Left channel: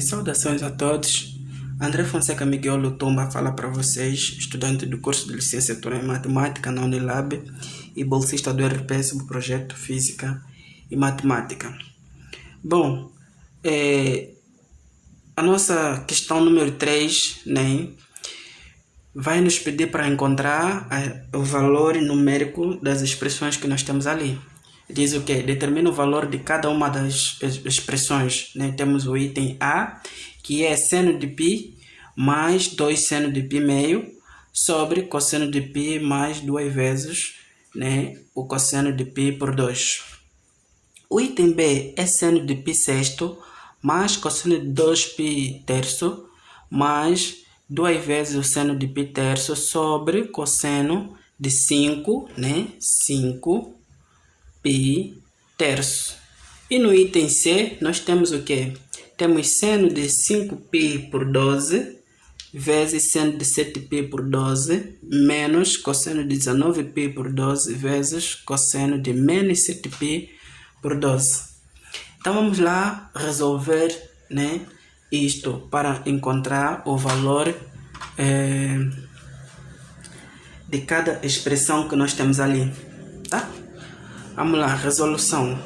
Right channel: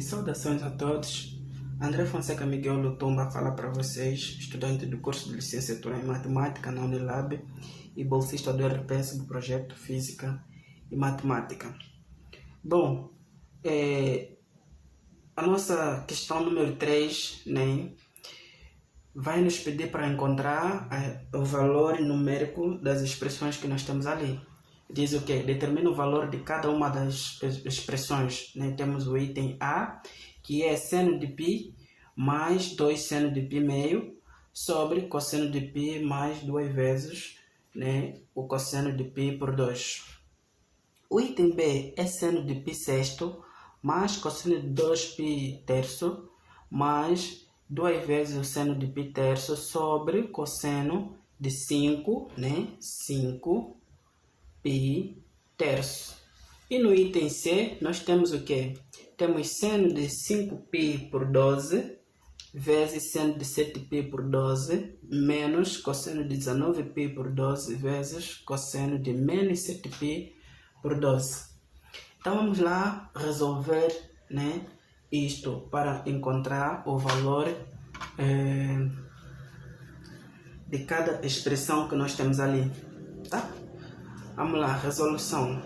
Saudações a todos. André Fonseca Miguel Lutumba fala para vocês, estudante do curso de licenciatura em Matemática na Unilab e bolsista do RPS do projeto Física e Matemática. Bom, a nossa questão número 3, né, vai nos pedir para encontrar o valor numérico das expressões que nós temos ali. Diz o quê? Determina o valor de cada uma das expressões. Né? Temos o item A, que é seno de π mais 2 seno de π meio sobre cosseno de π mais 2 vezes, né, o cosseno de π por 2. O item B é seno de π sexto mais cosseno de 2π terço mais 2 vezes o seno de π terço sobre cosseno de 5, né, 5 π terço. E no item C, nós temos o quê? Temos seno de 5π por 12 vezes seno de 7π por 12 menos cosseno de 19π por 12 vezes cosseno de menos 7π por 12. Então vamos lá resolver, né, isto para encontrar o valor de cada expressão que nós temos ali, tá? Vamos lá, resolução.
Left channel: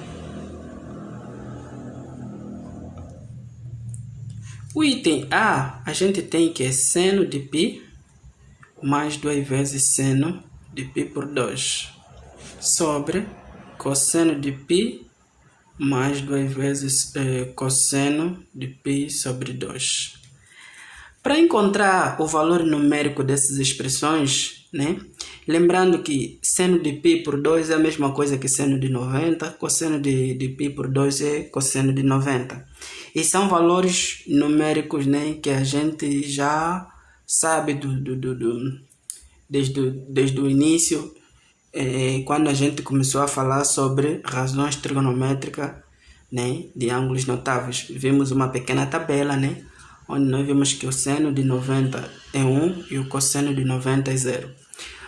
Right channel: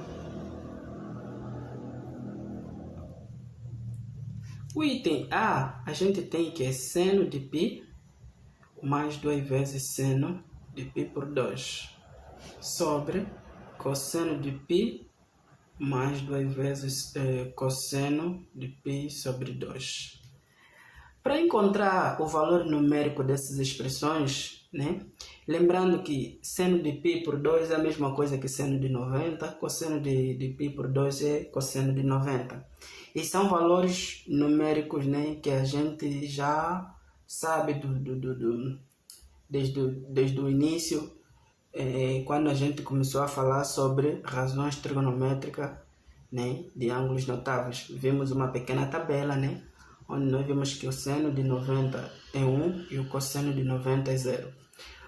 O item A, a gente tem que é seno de π mais 2 vezes seno de π por 2 sobre cosseno de π mais 2 vezes cosseno de π sobre 2. Para encontrar o valor numérico dessas expressões, né, lembrando que seno de π por 2 é a mesma coisa que seno de 90, cosseno de π por 2 é cosseno de 90. E são valores numéricos, né, que a gente já sabe desde o início, quando a gente começou a falar sobre razões trigonométricas, né, de ângulos notáveis. Vimos uma pequena tabela, né, onde nós vimos que o seno de 90 é 1 e o cosseno de 90 é 0.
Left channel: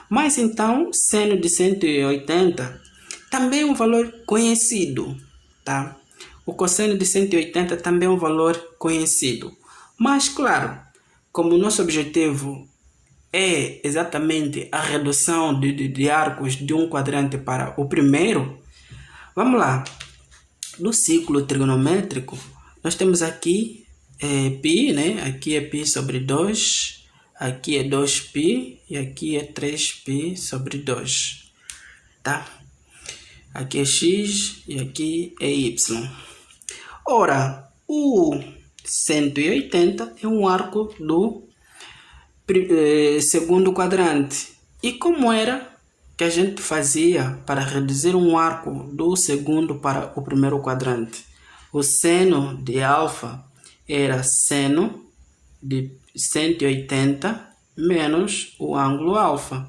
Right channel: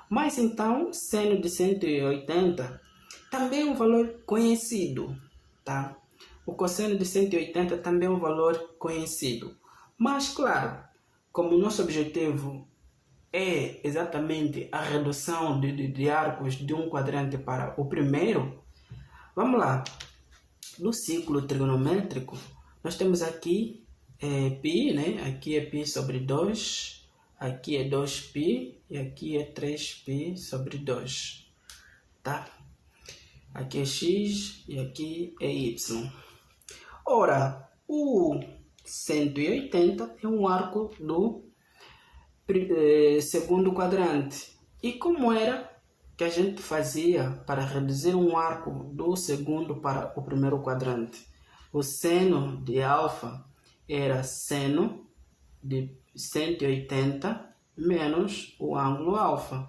Mas então, seno de 180 também é um valor conhecido, tá? O cosseno de 180 também é um valor conhecido. Mas, claro, como o nosso objetivo é exatamente a redução de arcos de um quadrante para o primeiro, vamos lá. No ciclo trigonométrico, nós temos aqui π, né? Aqui é π sobre 2, aqui é 2π e aqui é 3π sobre 2, tá? Aqui é x e aqui é y. Ora, o 180 é um arco do segundo quadrante. E como era que a gente fazia para reduzir um arco do segundo para o primeiro quadrante? O seno de alfa era seno de 180 menos o ângulo alfa.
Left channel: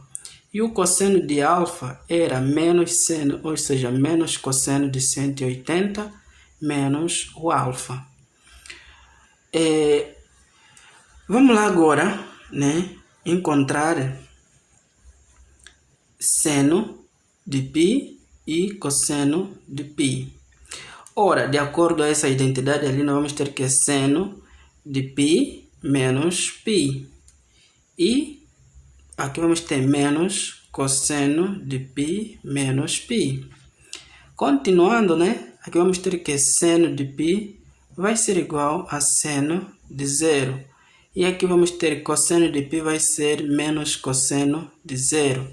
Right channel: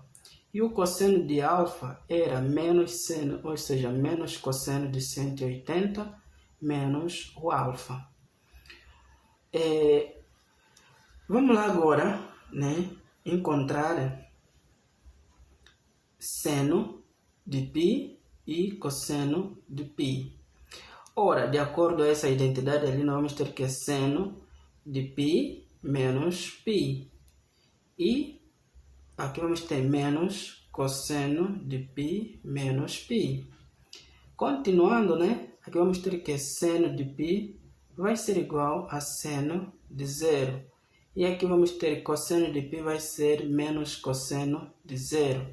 E o cosseno de alfa era menos seno, ou seja, menos cosseno de 180 menos o alfa. Vamos lá agora, né, encontrar seno de π e cosseno de π. Ora, de acordo a essa identidade ali, nós vamos ter que seno de π menos π. E aqui vamos ter menos cosseno de π menos π. Continuando, né? Aqui vamos ter que seno de π vai ser igual a seno de 0. E aqui vamos ter cosseno de π vai ser menos cosseno de 0.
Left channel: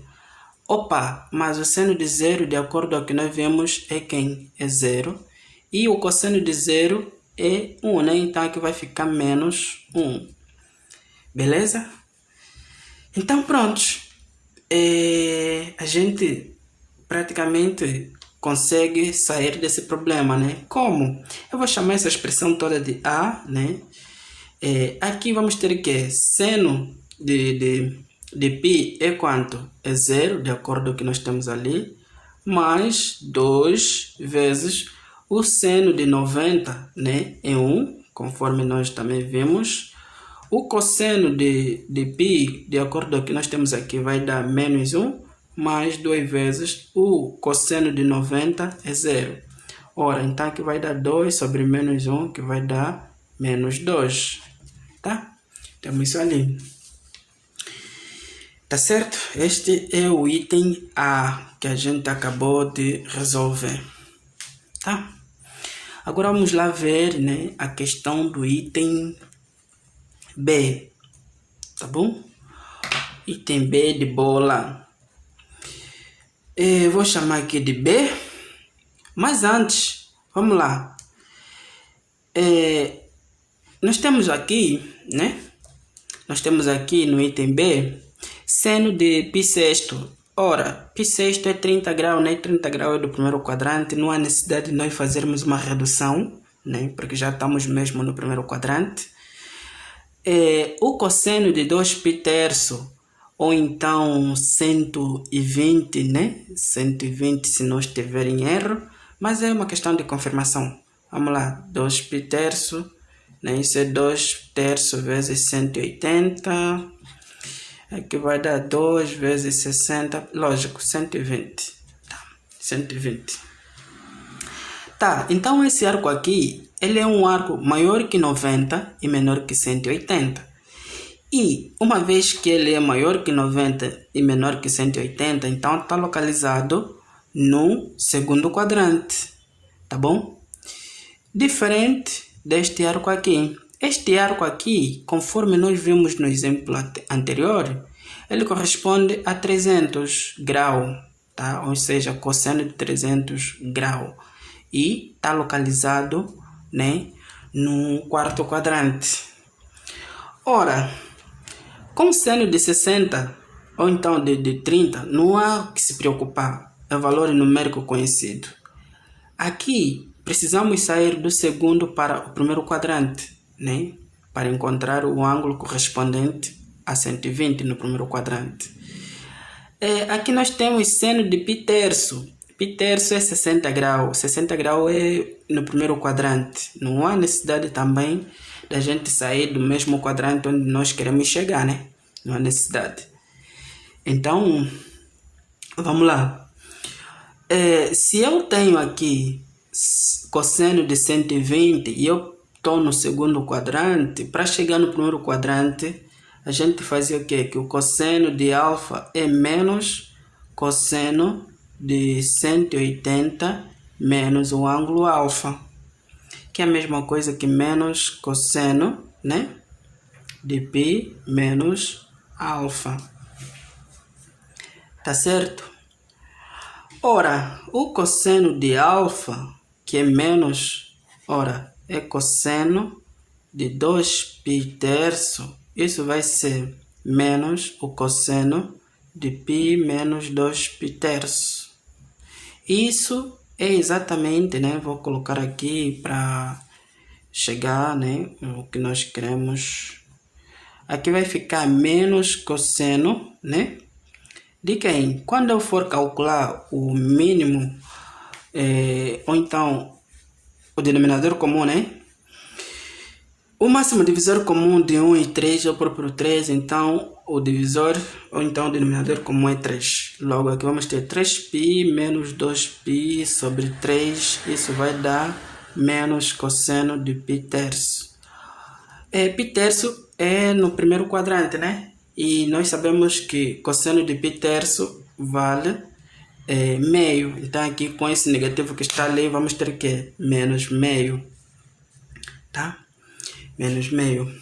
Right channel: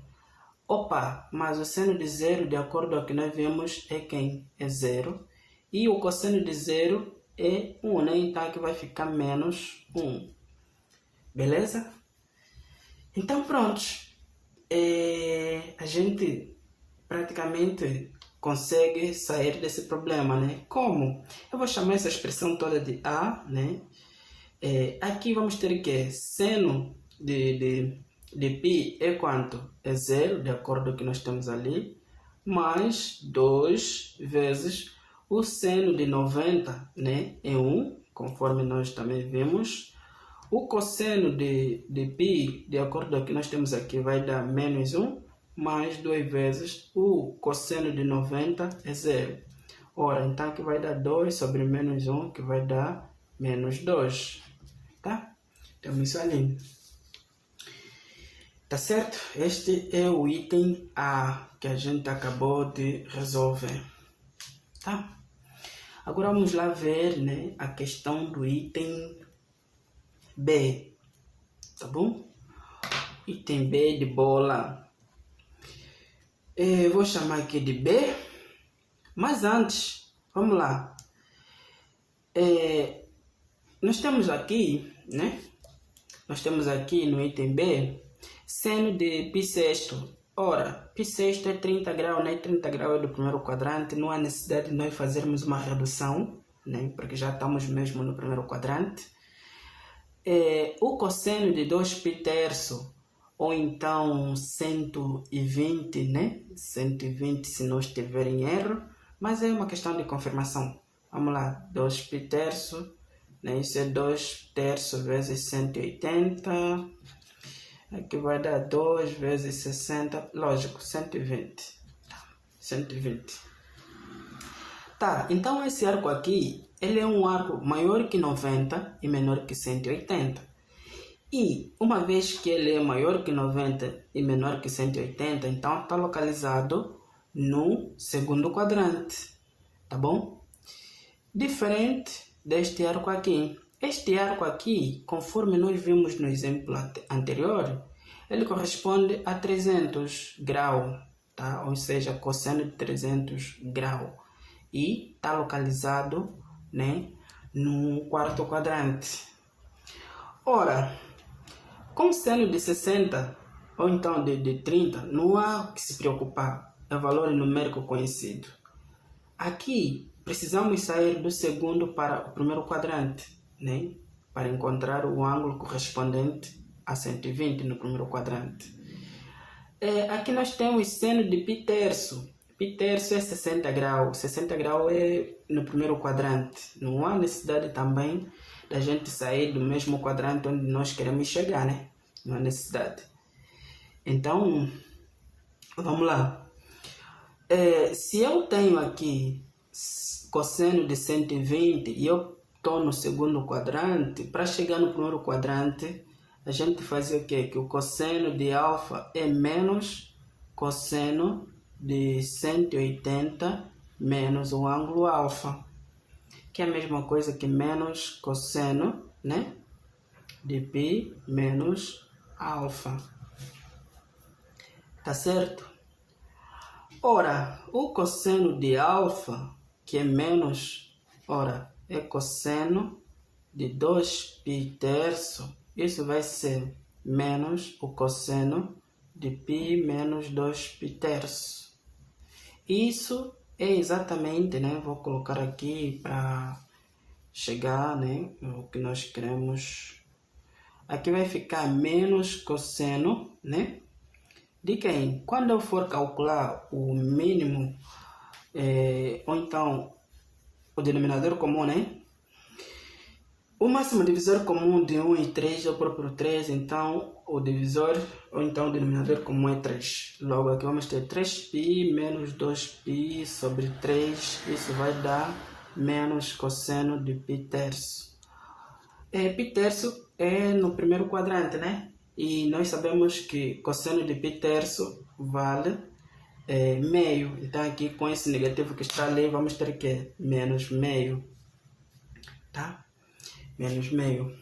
Opa, mas o seno de 0, de acordo ao que nós vemos, é quem? É 0. E o cosseno de 0 é 1, né? Então aqui vai ficar menos 1. Beleza? Então prontos. A gente praticamente consegue sair desse problema, né? Como? Eu vou chamar essa expressão toda de A, né? Aqui vamos ter que seno de π é quanto? É 0, de acordo com o que nós temos ali, mais 2 vezes o seno de 90, né? É 1, conforme nós também vimos. O cosseno de π, de acordo com o que nós temos aqui, vai dar menos 1, mais 2 vezes o cosseno de 90 é 0. Ora, então aqui vai dar 2 sobre menos 1, que vai dar menos 2, tá? Temos isso ali. Tá certo? Este é o item A que a gente acabou de resolver, tá? Agora vamos lá ver, né, a questão do item B, tá bom? Item B de bola. Vou chamar aqui de B, mas antes, vamos lá. Nós temos aqui, né? Nós temos aqui no item B, seno de π sexto. Ora, π sexto é 30 graus, né? 30 graus é do primeiro quadrante. Não há necessidade de nós fazermos uma redução, né? Porque já estamos mesmo no primeiro quadrante. O cosseno de 2π terço, ou então 120, né? 120 se não estiver em erro, mas é uma questão de confirmação. Vamos lá, 2π terço, né? Isso é 2 terços vezes 180, aqui vai dar 2 vezes 60, lógico, 120, tá, 120. Tá, então esse arco aqui, ele é um arco maior que 90 e menor que 180. E uma vez que ele é maior que 90 e menor que 180, então está localizado no segundo quadrante, tá bom? Diferente deste arco aqui. Este arco aqui, conforme nós vimos no exemplo anterior, ele corresponde a 300 graus, tá? Ou seja, cosseno de 300 graus. E está localizado, né, no quarto quadrante. Ora, com seno de 60 ou então de 30, não há que se preocupar, é valor numérico conhecido. Aqui precisamos sair do segundo para o primeiro quadrante, né, para encontrar o ângulo correspondente a 120 no primeiro quadrante. Aqui nós temos seno de π terço. Π terço é 60 graus. 60 graus é no primeiro quadrante. Não há necessidade também da gente sair do mesmo quadrante onde nós queremos chegar, né? Não há necessidade. Então, vamos lá. Se eu tenho aqui cosseno de 120 e eu estou no segundo quadrante, para chegar no primeiro quadrante, a gente fazia o quê? Que o cosseno de alfa é menos cosseno de 180 menos o ângulo alfa, que é a mesma coisa que menos cosseno, né, de π menos alfa. Tá certo? Ora, o cosseno de alfa, que é menos, ora, é cosseno de 2π terço, isso vai ser menos o cosseno de π menos 2π terço. Isso é exatamente, né, vou colocar aqui para chegar, né, o que nós queremos. Aqui vai ficar menos cosseno, né, de quem? Quando eu for calcular o mínimo, ou então o denominador comum, né, o máximo divisor comum de 1 e 3 é o próprio 3, então o divisor, ou então o denominador comum é 3. Logo aqui vamos ter 3π menos 2π sobre 3, isso vai dar menos cosseno de π terço. Π terço é no primeiro quadrante, né? E nós sabemos que cosseno de π terço vale meio. Então aqui com esse negativo que está ali, vamos ter que menos meio, tá? Menos meio.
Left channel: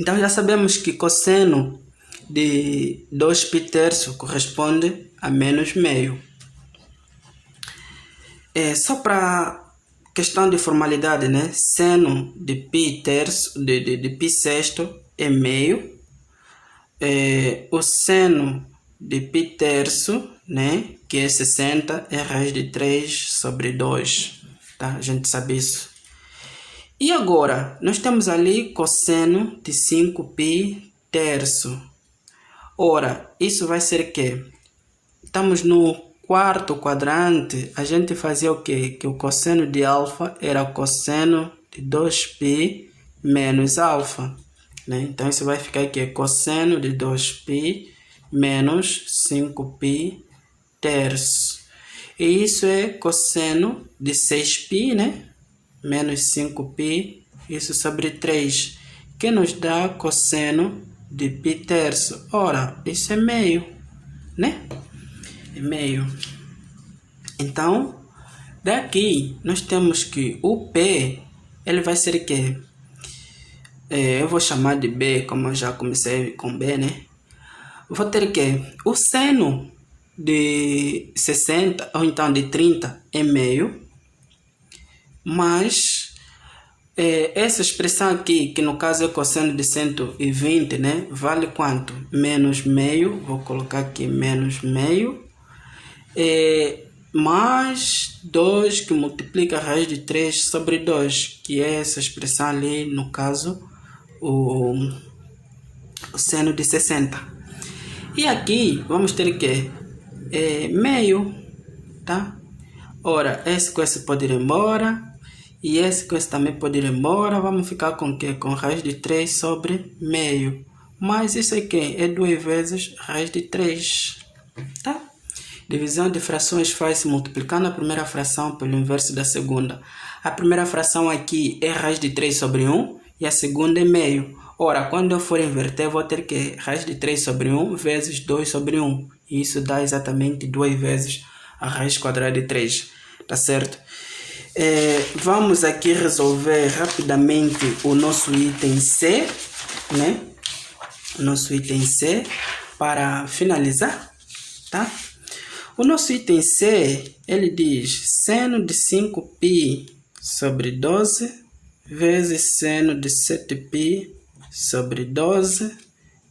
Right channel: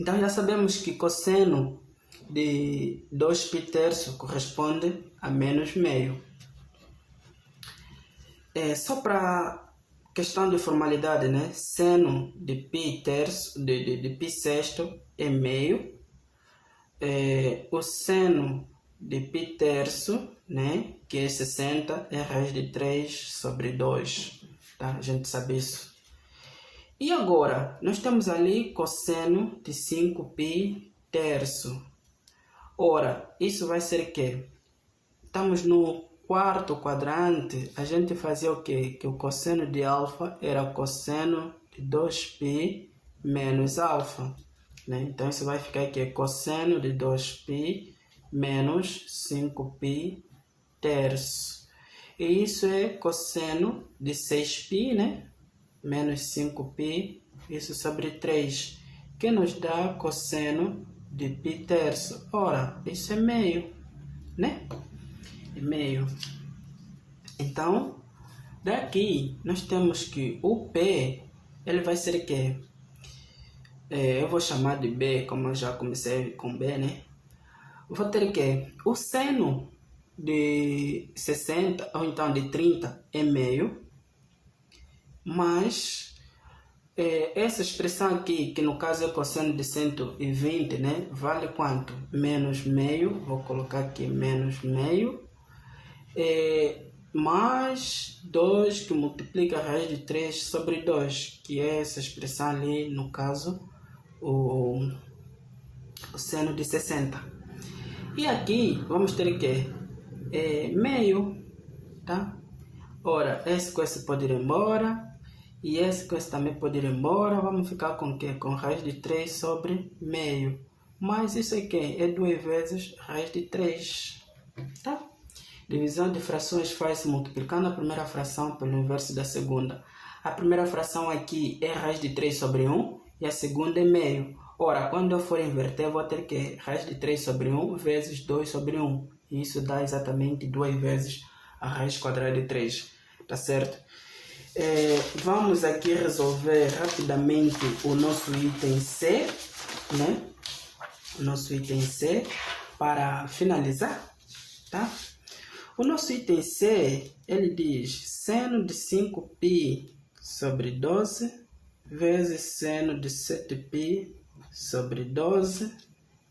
Então já sabemos que cosseno de 2π terço corresponde a menos meio. Só para questão de formalidade, né? Seno de π terço, de π sexto é meio. O seno de π terço, né, que é 60, é raiz de 3 sobre 2. Tá? A gente sabe isso. E agora, nós temos ali cosseno de 5π terço. Ora, isso vai ser o quê? Estamos no quarto quadrante, a gente fazia o quê? Que o cosseno de alfa era cosseno de 2π menos alfa, né? Então, isso vai ficar aqui, cosseno de 2π menos 5π terço. E isso é cosseno de 6π, né? Menos 5π isso sobre 3, que nos dá cosseno de π terço. Ora, isso é meio, né? É meio. Então, daqui nós temos que o P, ele vai ser o quê? Eu vou chamar de B, como eu já comecei com B, né? Vou ter que o seno de 60, ou então de 30, é meio, mas essa expressão aqui, que no caso é cosseno de 120, né? Vale quanto? Menos meio, vou colocar aqui menos meio, mais 2 que multiplica a raiz de 3 sobre 2, que é essa expressão ali, no caso, o seno de 60. E aqui vamos ter que meio, tá? Ora, esse com esse pode ir embora, e esse com esse também pode ir embora. Vamos ficar com o quê? Com raiz de 3 sobre meio. Mas isso aqui é 2 vezes raiz de 3, tá? Divisão de frações faz-se multiplicando a primeira fração pelo inverso da segunda. A primeira fração aqui é raiz de 3 sobre 1 e a segunda é meio. Ora, quando eu for inverter, vou ter que raiz de 3 sobre 1 vezes 2 sobre 1. E isso dá exatamente 2 vezes a raiz quadrada de 3. Tá certo? Vamos aqui resolver rapidamente o nosso item C, né? Nosso item C para finalizar, tá? O nosso item C, ele diz seno de 5π sobre 12 vezes seno de 7π sobre 12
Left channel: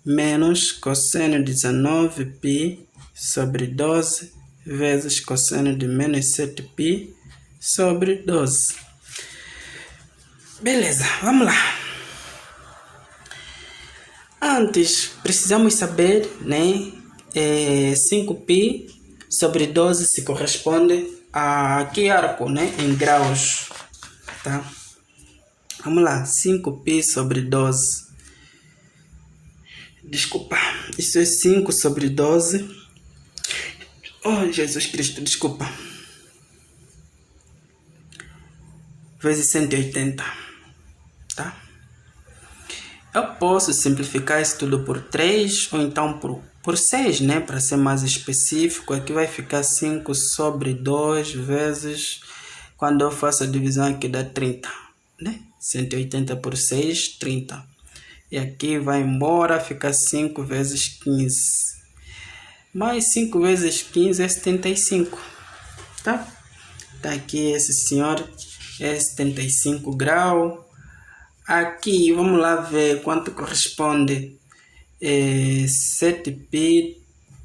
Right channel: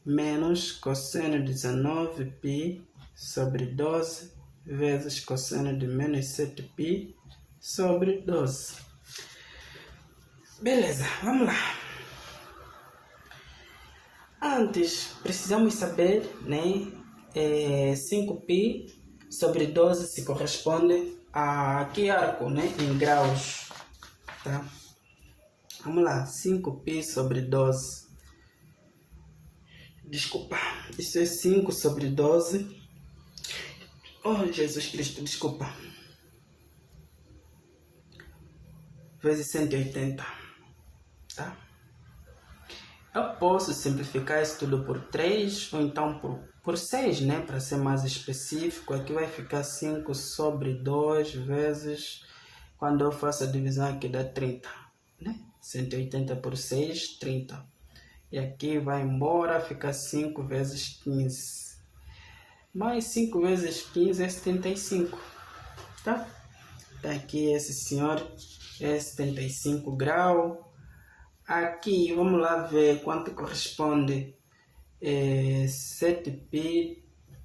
menos cosseno de 19π sobre 12 vezes cosseno de menos 7π sobre 12. Beleza, vamos lá. Antes, precisamos saber, né, 5π sobre 12 se corresponde a que arco, né, em graus, tá? Vamos lá, 5π sobre 12. Desculpa, isso é 5 sobre 12. Oh, Jesus Cristo, desculpa. Vezes 180, tá? Eu posso simplificar isso tudo por 3 ou então por 6, né? Para ser mais específico, aqui vai ficar 5 sobre 2 vezes, quando eu faço a divisão aqui dá 30, né? 180 por 6, 30. E aqui vai embora, fica 5 vezes 15. Mais 5 vezes 15 é 75, tá? Tá aqui esse senhor, é 75 graus. Aqui, vamos lá ver quanto corresponde 7π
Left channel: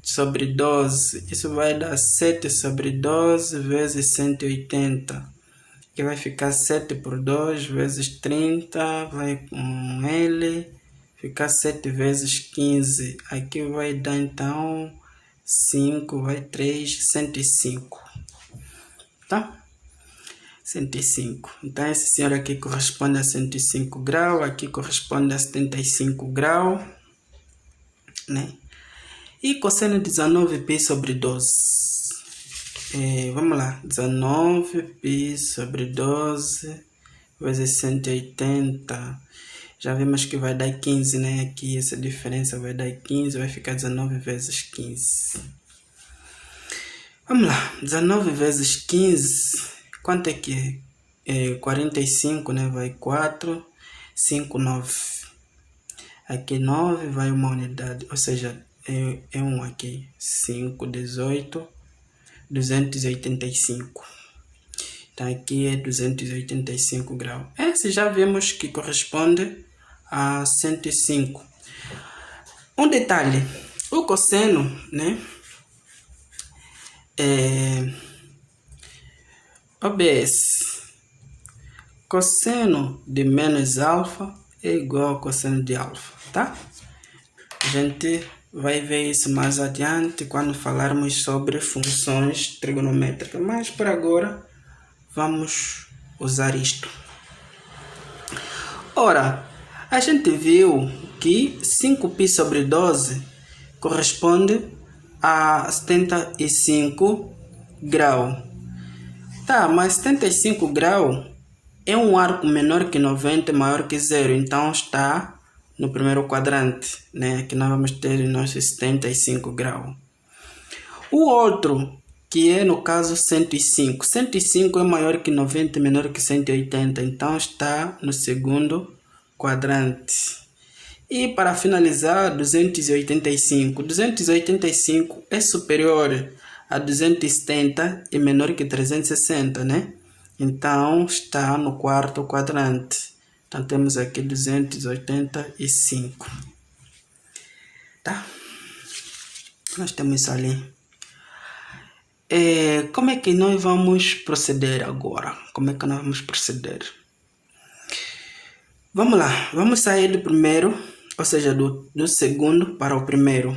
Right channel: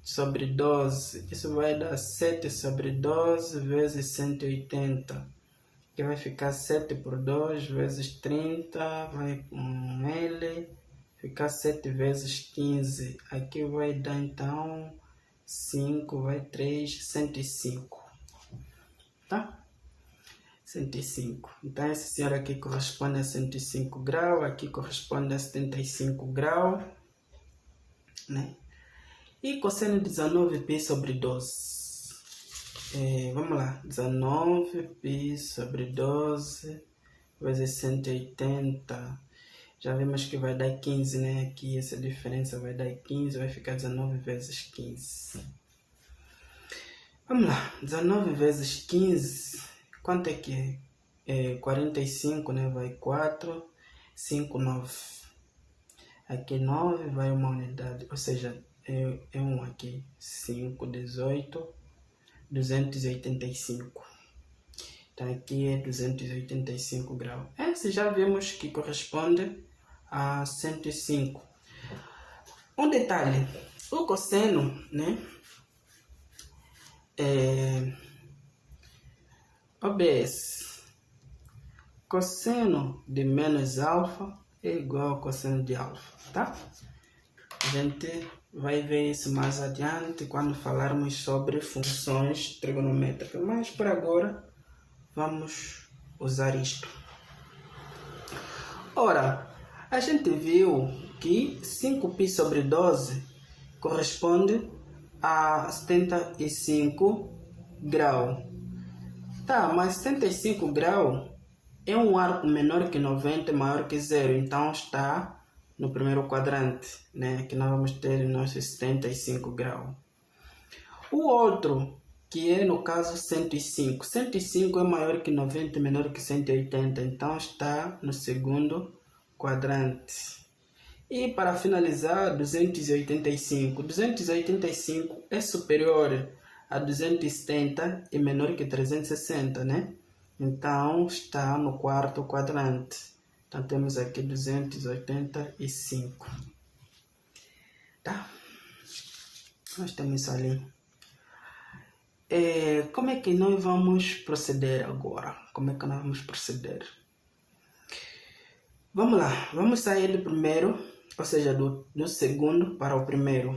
sobre 12. Isso vai dar 7 sobre 12 vezes 180. Que vai ficar 7 por 2 vezes 30. Vai com L. Ficar 7 vezes 15. Aqui vai dar então 5, vai 3, 105. Tá? 105. Então, esse senhor aqui corresponde a 105 graus, aqui corresponde a 75 graus, né? E cosseno de 19π sobre 12. Vamos lá, 19π sobre 12 vezes 180. Já vimos que vai dar 15, né? Aqui essa diferença vai dar 15, vai ficar 19 vezes 15. Vamos lá, 19 vezes 15... Quanto é que é? 45, né? Vai 4, 5, 9. Aqui 9 vai uma unidade, ou seja, é 1 aqui. 5, 18, 285. Então aqui é 285 graus. Esse já vimos que corresponde a 105. Um detalhe, o cosseno, né? OBS, cosseno de menos alfa é igual a cosseno de alfa, tá? A gente vai ver isso mais adiante quando falarmos sobre funções trigonométricas, mas por agora vamos usar isto. Ora, a gente viu que 5π sobre 12 corresponde a 75 graus. Tá, mas 75 graus é um arco menor que 90, maior que 0, então está no primeiro quadrante, né? Aqui nós vamos ter nossos 75 graus. O outro, que é no caso 105. 105 é maior que 90, menor que 180, então está no segundo quadrante. E para finalizar, 285. 285 é superior a 270 e menor que 360, né? Então está no quarto quadrante. Então temos aqui 285. Tá? Nós temos isso ali. Como é que nós vamos proceder agora? Como é que nós vamos proceder? Vamos lá, vamos sair do primeiro, ou seja, do segundo para o primeiro.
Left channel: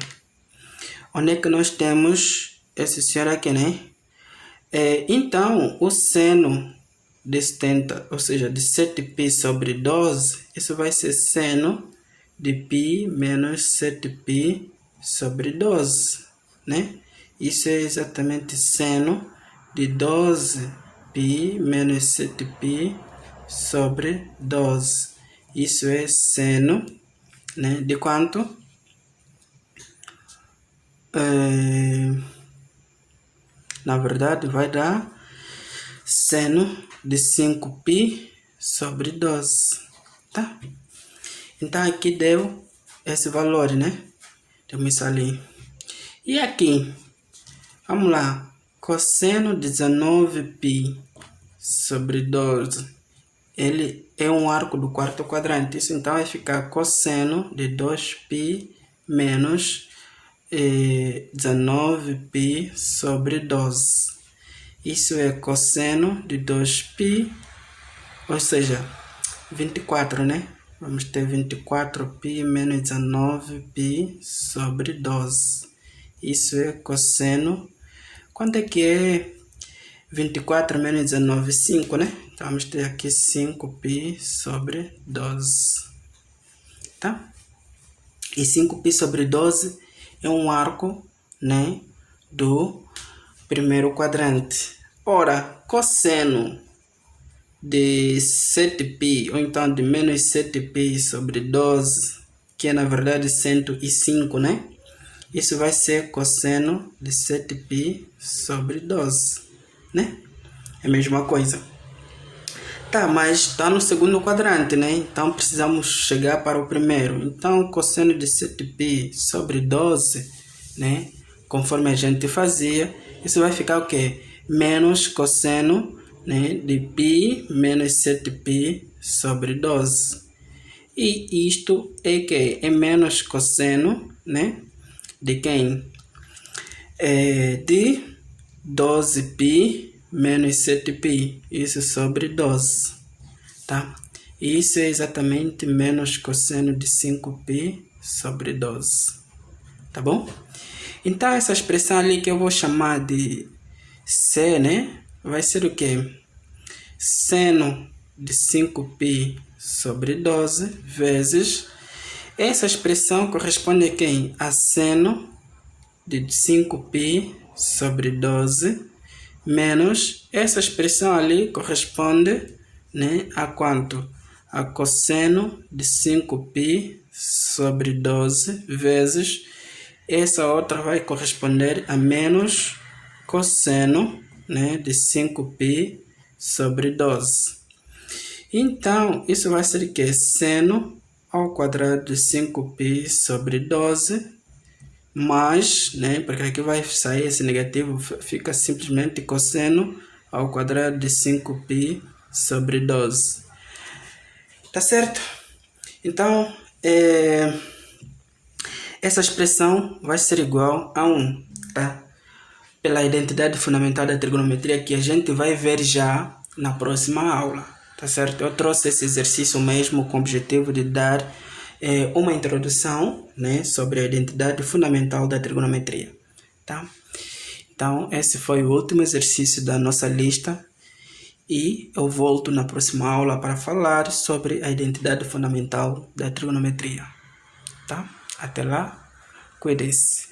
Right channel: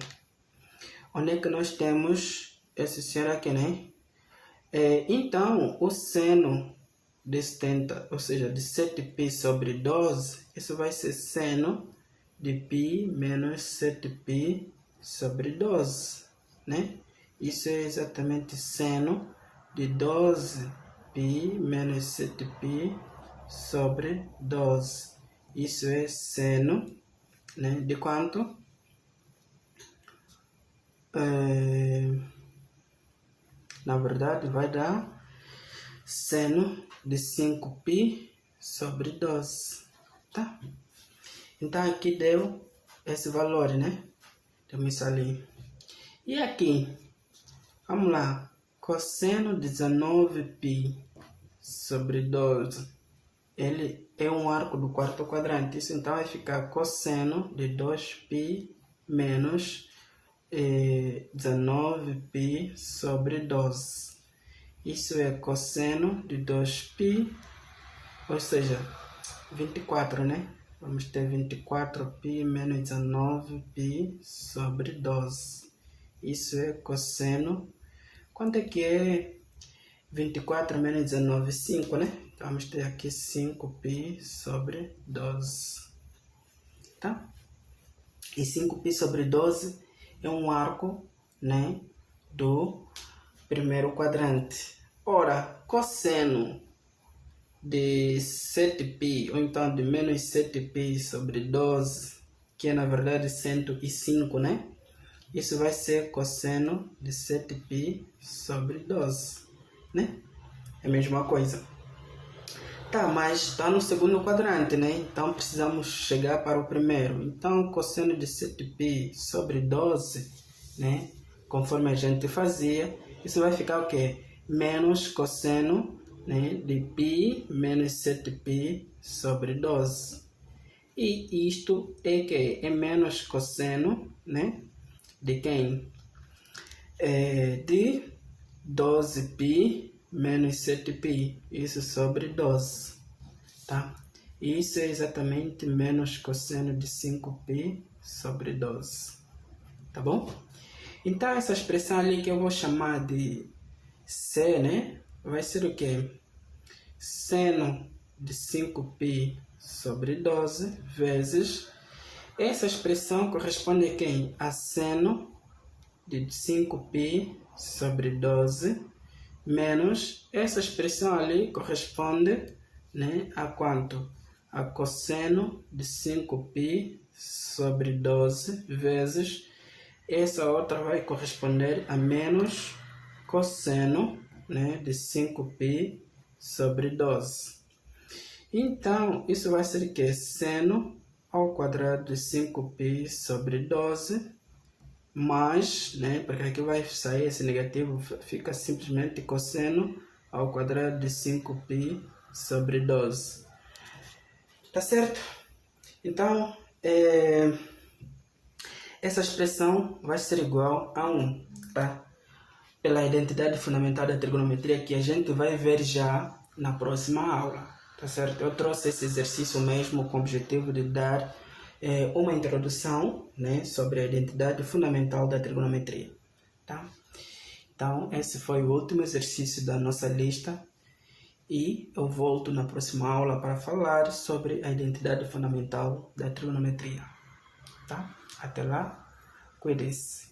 Onde é que nós temos esse senhor aqui, né? Então, o seno de 70, ou seja, de 7π sobre 12, isso vai ser seno de π menos 7π sobre 12, né? Isso é exatamente seno de 12π menos 7π sobre 12. Isso é seno, né? De quanto? Na verdade, vai dar seno de 5π sobre 12, tá? Então, aqui deu esse valor, né? Temos isso ali. E aqui, vamos lá. Cosseno de 19π sobre 12. Ele é um arco do quarto quadrante. Isso então vai ficar cosseno de 2π menos 19π sobre 12. Isso é cosseno de 2π, ou seja, 24, né? Vamos ter 24π menos 19π sobre 12. Isso é cosseno. Quanto é que é 24 menos 19? 5, né? Então vamos ter aqui 5π sobre 12. Tá? E 5π sobre 12 é um arco, né, do primeiro quadrante. Ora, cosseno de 7π, ou então de menos 7π sobre 12, que é na verdade 105, né? Isso vai ser cosseno de 7π sobre 12, né? É a mesma coisa. Tá, mas está no segundo quadrante, né? Então precisamos chegar para o primeiro. Então, cosseno de 7π sobre 12, né? Conforme a gente fazia, isso vai ficar o quê? Menos cosseno, né, de π menos 7π sobre 12. E isto é que é menos cosseno, né? De quem? De 12π menos 7π. Isso sobre 12. Tá? Isso é exatamente menos cosseno de 5π sobre 12. Tá bom? Então, essa expressão ali que eu vou chamar de C, né? Vai ser o quê? Seno de 5π sobre 12 vezes... Essa expressão corresponde a quem? A seno de 5π sobre 12 menos... Essa expressão ali corresponde, né, a quanto? A cosseno de 5π sobre 12 vezes... Essa outra vai corresponder a menos cosseno, né, de 5π sobre 12. Então, isso vai ser o quê? Seno ao quadrado de 5π sobre 12, mais, né, porque aqui vai sair esse negativo, fica simplesmente cosseno ao quadrado de 5π sobre 12. Tá certo? Então, essa expressão vai ser igual a 1, tá? Pela identidade fundamental da trigonometria que a gente vai ver já na próxima aula, tá certo? Eu trouxe esse exercício mesmo com o objetivo de dar uma introdução, né, sobre a identidade fundamental da trigonometria, tá? Então, esse foi o último exercício da nossa lista e eu volto na próxima aula para falar sobre a identidade fundamental da trigonometria, tá? Até lá, cuide-se.